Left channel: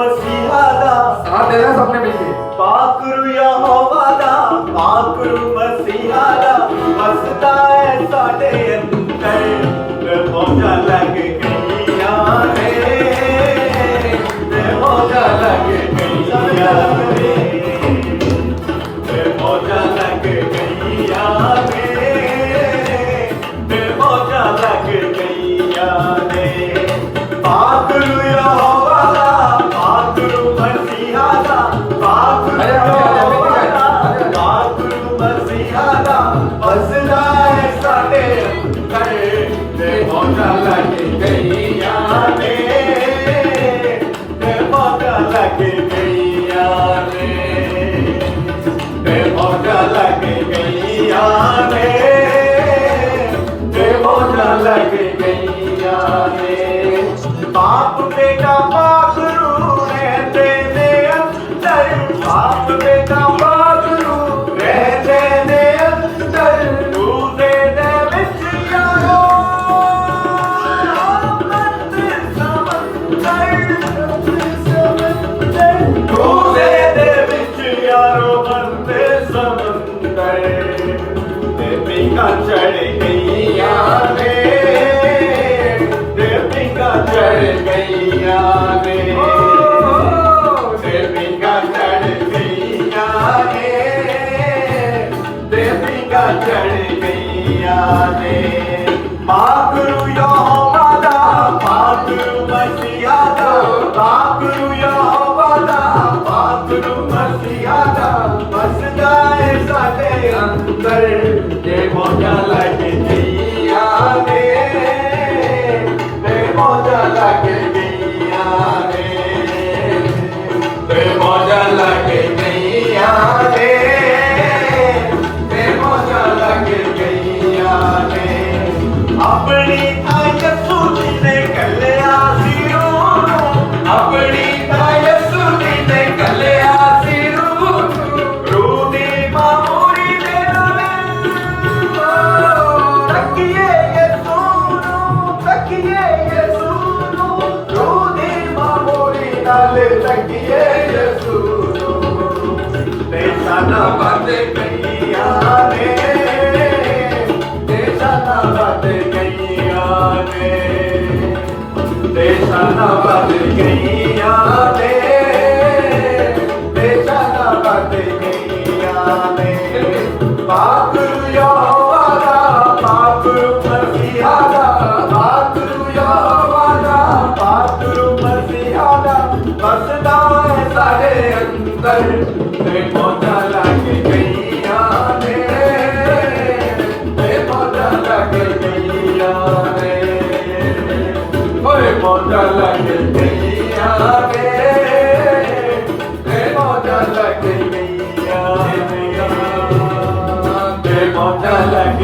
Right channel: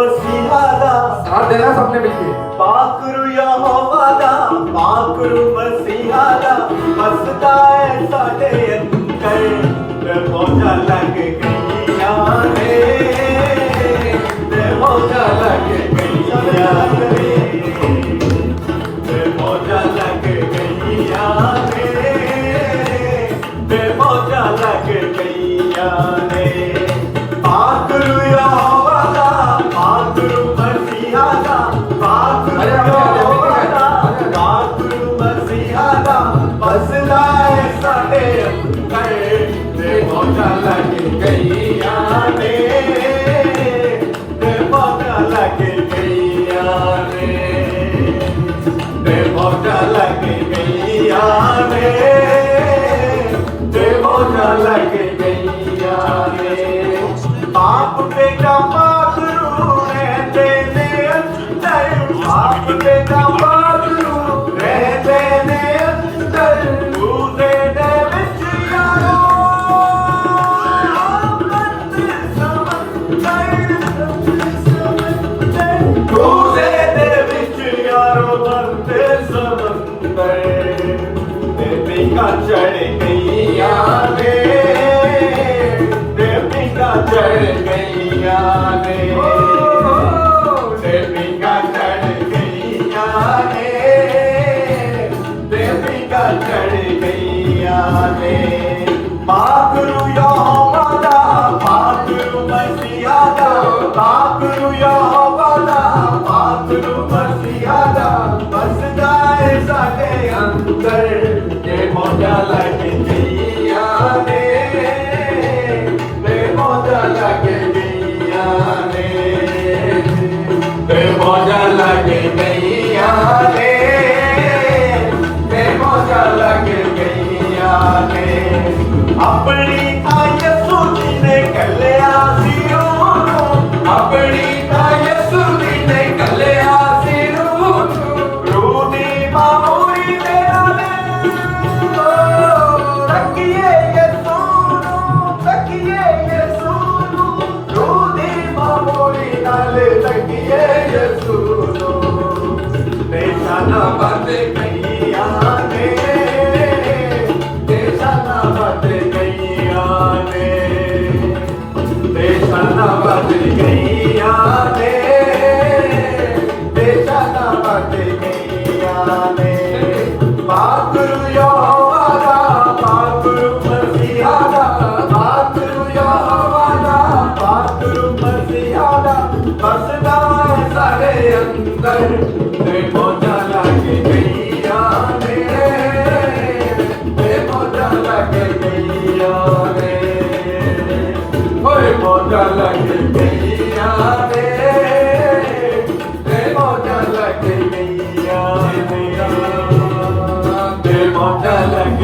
मसीहा दा साथ देना सबने मिलके पाकरू यहोवा दा पाकरू मसीहा दा बसदा है साडे अंदर ते मौजा लग गईया रे ते मौजा लग गईया रे ते मौजा लग गईया रे ते मौजा लग गईया रे पाकरू यहोवा दा पाकरू मसीहा दा पाकरू मसीहा दा बसदा है साडे अंदर ते मौजा लग गईया रे ते मौजा लग गईया रे ते मौजा लग गईया रे ते मौजा लग गईया रे पाप बेटा पाकरू रहते ने अंदर पाप बेटा पाकरू रहते ने अंदर दूधे दे विच यारो दूधे दे विच यारो बनते समंदर ते बिना चढ़ गईया रे देविका चढ़ गईया रे देविका चढ़ गईया रे देविका चढ़ गईया रे पाकरू यहोवा दा पाकरू मसीहा दा पाकरू यहोवा दा पाकरू मसीहा दा बसदा है साडे अंदर ते मौजा लग गईया रे ते मौजा लग गईया रे ते मौजा लग गईया रे ते मौजा लग गईया रे अपनी ताय सुनी ने कलिया सिरो अपनी ताय सुनी ने कलिया सिरो रूनी मामूरी मेरा तकिए ये सुनो रूनी मामूरी नाले तकिए ये सुनो देशा ना बंद गईया रे देशा ना बंद गईया रे देशा ना बंद गईया रे देशा ना बंद गईया रे पाकरू यहोवा दा पाकरू मसीहा दा पाकरू यहोवा दा पाकरू मसीहा दा बसदा है साडे अंदर ते मौजा लग गईया रे ते मौजा लग गईया रे ओए मौजा लग गईया रे ते मौजा लग गईया रे ते मौजा लग